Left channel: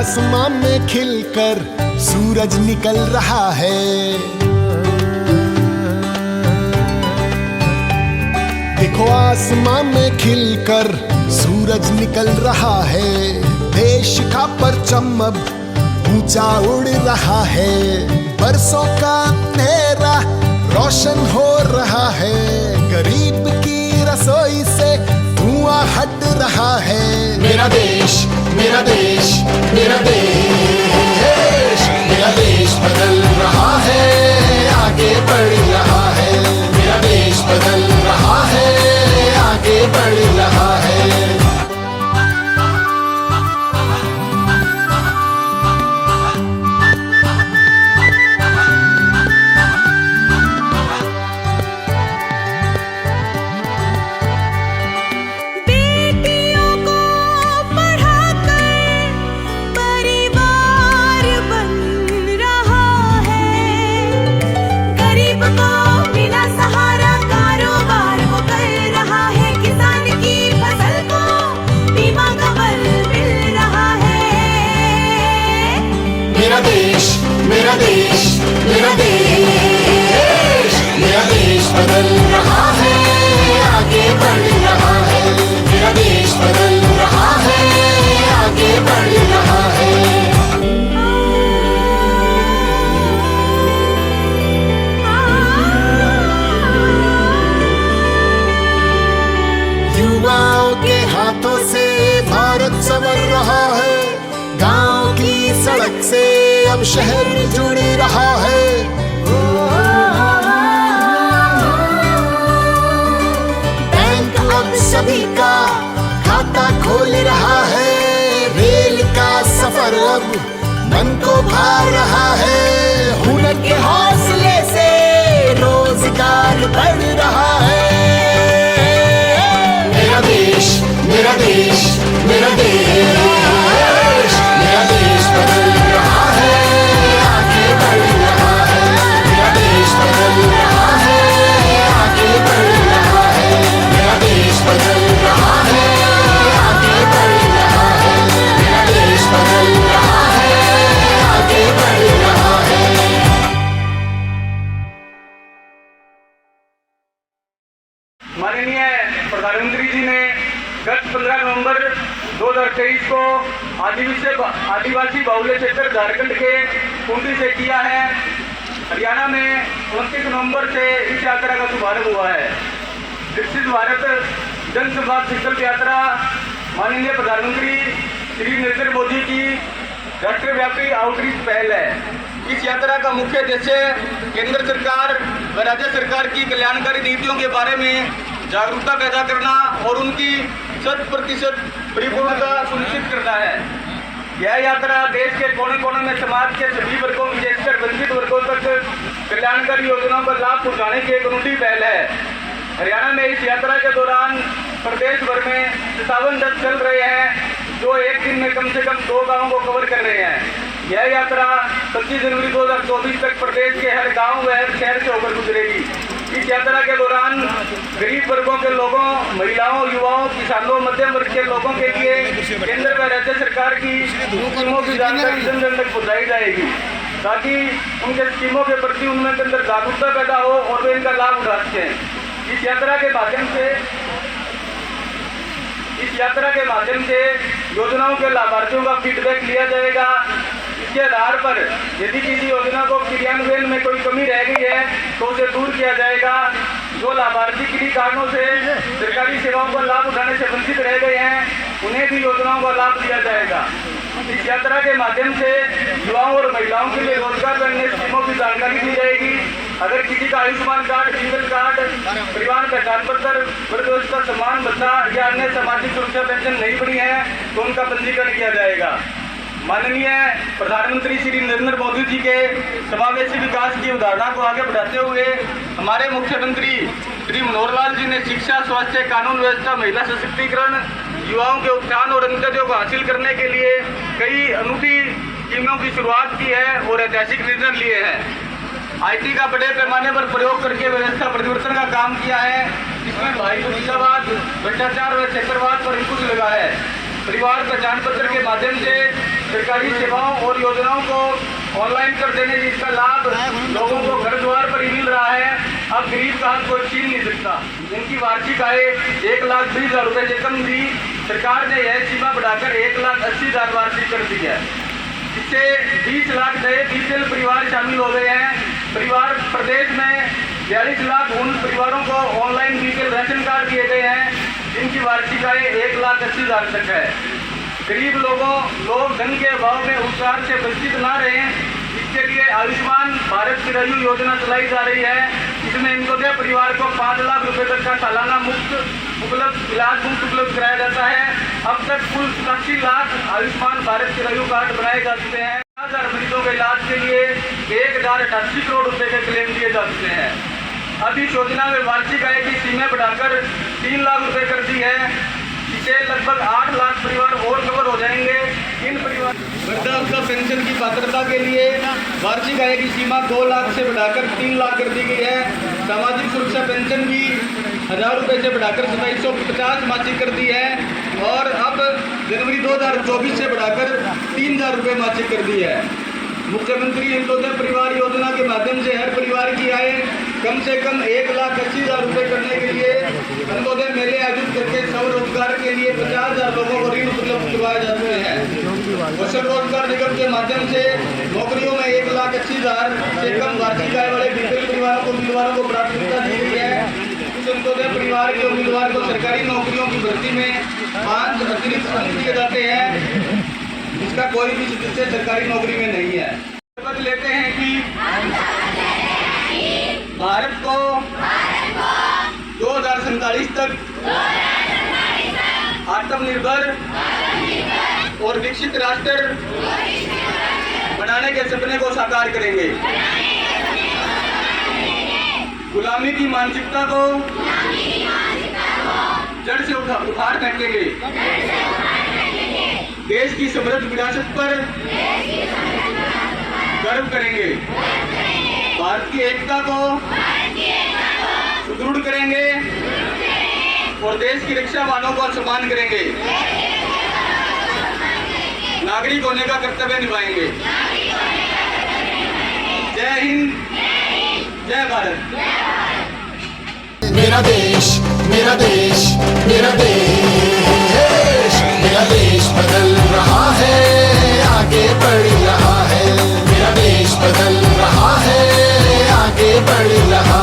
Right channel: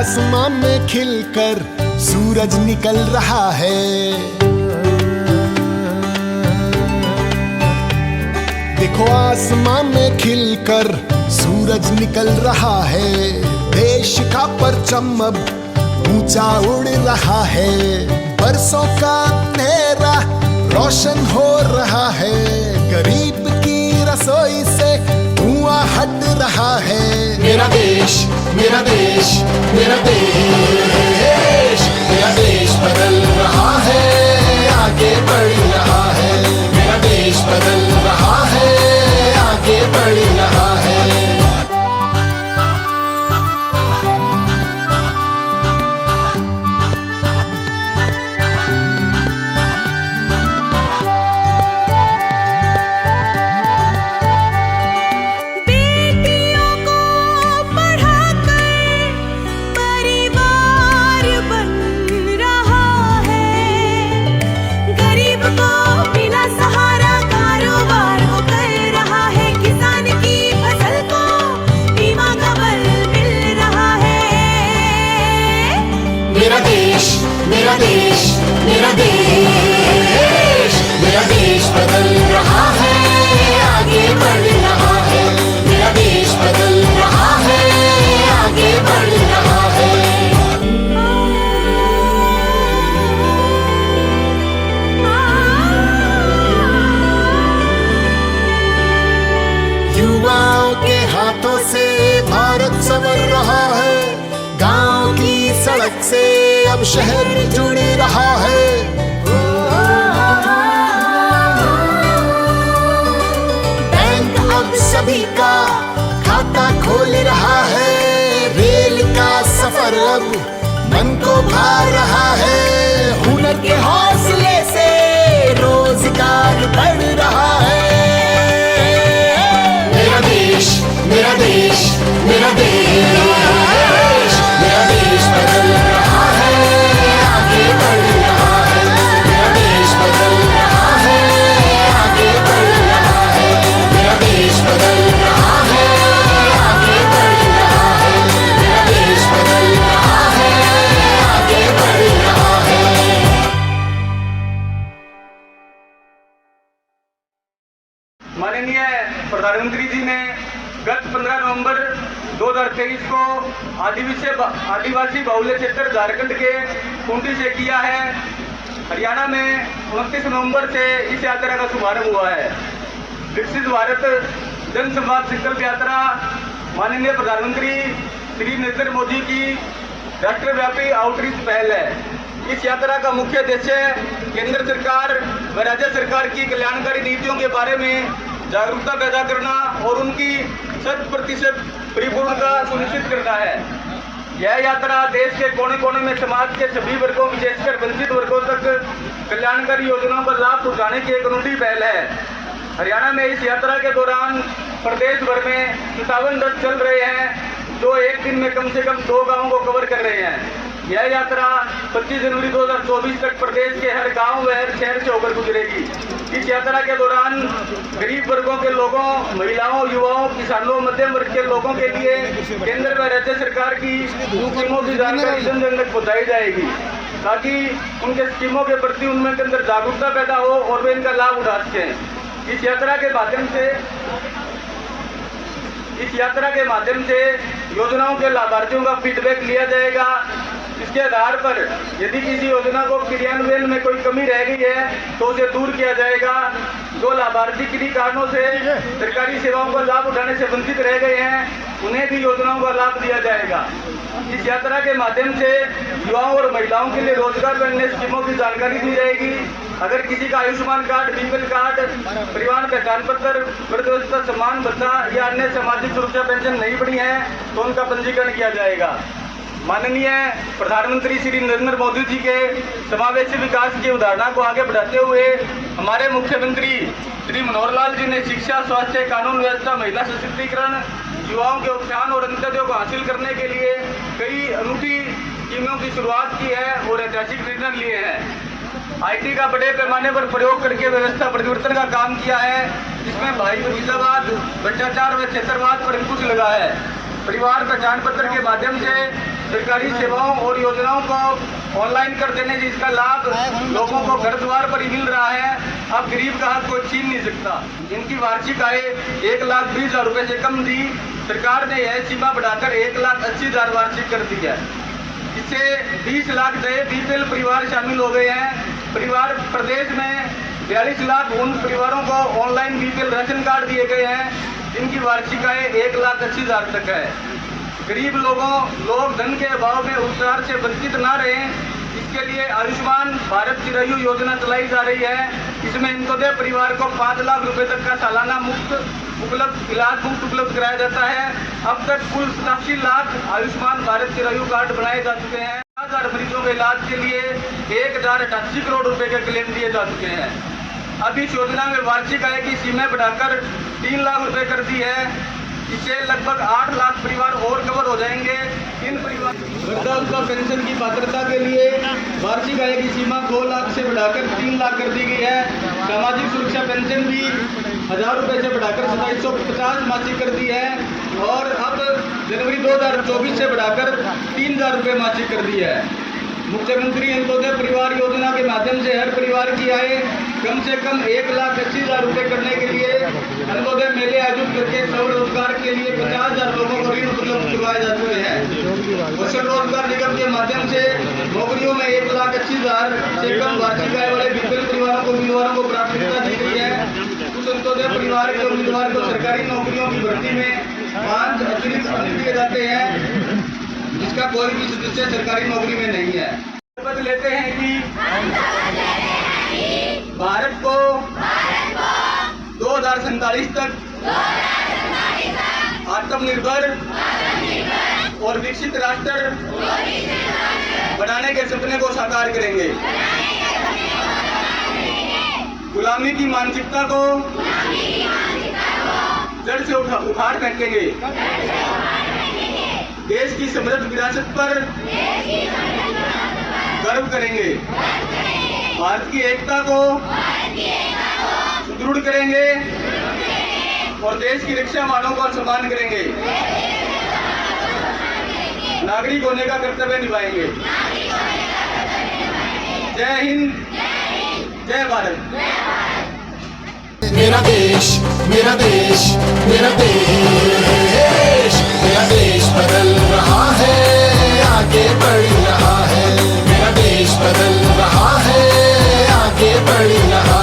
आसमां में खिलकर सूरज निकल रहा है। देखो आसमां में खिलकर सूरज निकल रहा है। देश का परचम अब ऊंचा उड़ रहा है। बरसों का अंधेरा रोशन हो रहा है। गरीब की रसोई से धुआं हट रहा है। मेरा देश, मेरा देश, मेरा देश, मेरा देश बदल रहा है, आगे बढ़ रहा है। मेरा देश बदल रहा है, आगे बढ़ रहा है। मेरा देश, मेरा देश, मेरा देश बदल रहा है, आगे बढ़ रहा है। मेरा देश बदल रहा है, आगे बढ़ रहा है। युवाओं के हाथों से भारत संवर रहा है। गांव की सड़क से अब शहर जुड़ रहा है। बैंक अब सभी का खाता खोल रहा है। रेल का सफर अब मन को भा रहा है। हुनर के हौसले से रोजगार बढ़ रहा है। मेरा देश, मेरा देश, मेरा देश, मेरा देश बदल रहा है, आगे बढ़ रहा है। मेरा देश बदल रहा है, आगे बढ़ रहा है। मेरा देश बदल रहा है, आगे बढ़ रहा है। मेरा देश बदल रहा है, आगे बढ़ रहा है। माननीय प्रधानमंत्री जी ने गत 15 नवंबर 2023 को आदिवासी बाहुल्य क्षेत्र झारखंड के खूंटी से किया है। हरियाणा में 29 नवंबर से इस यात्रा का शुभारंभ हुआ है। विकसित भारत जन संवाद संकल्प यात्रा माननीय प्रधानमंत्री श्री नरेंद्र मोदी की राष्ट्रव्यापी आउटरीच पहल है। इस यात्रा का मुख्य उद्देश्य केंद्र सरकार व राज्य सरकार की कल्याणकारी नीतियों के बारे में जागरूकता पैदा करना और उनकी 100% परिपूर्णता सुनिश्चित करना है। यह यात्रा देश के कोने कोने में समाज के सभी वर्गों, विशेषकर वंचित वर्गों तक कल्याणकारी योजनाओं का लाभ पहुंचाने की एक अनूठी पहल है। हरियाणा में इस यात्रा के दौरान प्रदेश भर में 57 रथ चल रहे हैं, जो एक दिन में कम से कम 2 गांवों को कवर कर रहे हैं। यह यात्रा 25 जनवरी 2024 तक प्रदेश के हर गांव व हर शहर से होकर गुजरेगी। इस यात्रा के दौरान गरीब वर्गों के लोगों, महिलाओं, युवाओं, किसानों, मध्यम वर्ग के लोगों के लिए केंद्र व राज्य सरकार की स्कीमों की जानकारी जन जन तक पहुँचाई जाएगी, ताकि उनके स्कीमों के प्रति उनमें के अंदर जागरूकता पैदा हो और वे इनका लाभ उठा सकें। इस यात्रा के माध्यम से योजनाओं के लाभार्थियों का फीडबैक लिया जाएगा। इसके आधार पर यदि किसी योजना को क्रियान्वयन में कोई कमी रह गई है तो उसे दूर किया जाएगा। जो लाभार्थी किन्हीं कारणों से सरकारी सेवाओं का लाभ उठाने से वंचित रह गए हैं, उन्हें भी योजनाओं का लाभ दिया जाएगा। इस यात्रा के माध्यम से युवाओं और महिलाओं के लिए रोजगार व अन्य स्कीमों की जानकारी दी जाएगी। अगर किसी का आयुष्मान कार्ड, सिंगल कार्ड, परिवार पहचान पत्र, वृद्धावस्था सम्मान भत्ता या अन्य सामाजिक सुरक्षा पेंशन नहीं बनी है तो उनका पंजीकरण किया जाएगा। माननीय प्रधानमंत्री श्री नरेंद्र मोदी जी के समावेशी विकास की अवधारणा को आगे बढ़ाते हुए हमारे मुख्यमंत्री श्री मनोहर लाल जी ने शिक्षा, स्वास्थ्य, कानून व्यवस्था, महिला सशक्तिकरण, युवाओं के उत्थान और अंत्योदय को हासिल करने के लिए कई अनूठी स्कीमों की शुरुआत की है और ऐतिहासिक निर्णय लिए हैं। आईटी का बड़े पैमाने पर प्रयोग करके व्यवस्था परिवर्तन का काम किया है, जिसमें भाई भतीजावाद, भ्रष्टाचार व क्षेत्रवाद पर अंकुश लगा है। परिवार पहचान पत्र के माध्यम से सरकारी सेवाओं और योजनाओं को ऑनलाइन कर देने जिसका लाभ लोगों को घर द्वार पर ही मिल रहा है। अब गरीब का हक कोई छीन नहीं सकता। इनकी वार्षिक आय 1,20,000 रुपए से कम थी। सरकार ने यह सीमा बढ़ाकर 1,80,000 वार्षिक कर दी है। इससे 20 लाख नए बीपीएल परिवार शामिल हो गए हैं। परिवार प्रदेश में 42 लाख उन परिवारों को ऑनलाइन बीपीएल राशन कार्ड दिए गए हैं जिनकी वार्षिक आय 1,80,000 तक है। गरीब लोग धन के अभाव में उपचार से वंचित ना रहें, इसके लिए आयुष्मान भारत चिरंजीव योजना चलाई जा रही है। इसमें अंत्योदय परिवार को 5 लाख रुपए तक का सालाना इलाज मुफ्त उपलब्ध कराया जाता है। अब तक कुल 87 लाख आयुष्मान भारत चिरंजीव कार्ड बनाए जा चुके हैं। 1000 मरीजों के इलाज के लिए 1,088 करोड़ रुपए के क्लेम दिए जा चुके हैं। अब इस योजना में वार्षिक आय की सीमा बढ़ाकर 3 लाख रुपए कर दी है। इससे लगभग 8 लाख परिवार और कवर हो जाएंगे। इन परिवार वृद्धावस्था पेंशन की पात्रता के लिए वार्षिक आय की सीमा 2 लाख से बढ़ाकर 3 लाख कर दी गई है। सामाजिक सुरक्षा पेंशन भी 1,000 रुपए से बढ़ाकर 2750 मासिक कर दी है और अब जनवरी 2024 से बढ़ाकर 3,000 रुपए मासिक कर दी है। मुख्यमंत्री अंत्योदय परिवार योजना के माध्यम से हर परिवार की आय कम से कम 1,80,000 रुपए करने के लिए अंत्योदय मेले आयोजित करके स्वरोजगार के लिए 50,000 लोगों को ऋण उपलब्ध करवाए जा चुके हैं। कौशल रोजगार निगम के माध्यम से नौकरियों में 1,80,000 से कम वार्षिक आय वाले बीपीएल परिवारों को उम्मीदवारों को प्राथमिकता दी गई है। कुछ अंत्योदय परिवार के उम्मीदवार को सरकारी नौकरियों की भर्ती में 5 अतिरिक्त समय दिए जाते हैं, जिसका कोई भी सदस्य सरकारी नौकरी में नहीं है। शपथ लेते हैं कि भारत को 2047 तक आत्मनिर्भर और विकसित राष्ट्र बनाने के सपने को साकार करेंगे। गुलामी की मानसिकता को जड़ से उखाड़ फेंकेंगे। देश की समृद्ध विरासत पर गर्व करेंगे। भारत की एकता को सुदृढ़ करेंगे और देश की रक्षा मानव का सम्मान करेंगे। नागरिक होने का कर्तव्य निभाएंगे। जय हिंद, जय भारत। मेरा देश, मेरा देश, मेरा देश, मेरा देश बदल रहा है, आगे बढ़ रहा है। मेरा देश बदल रहा है, आगे बढ़ रहा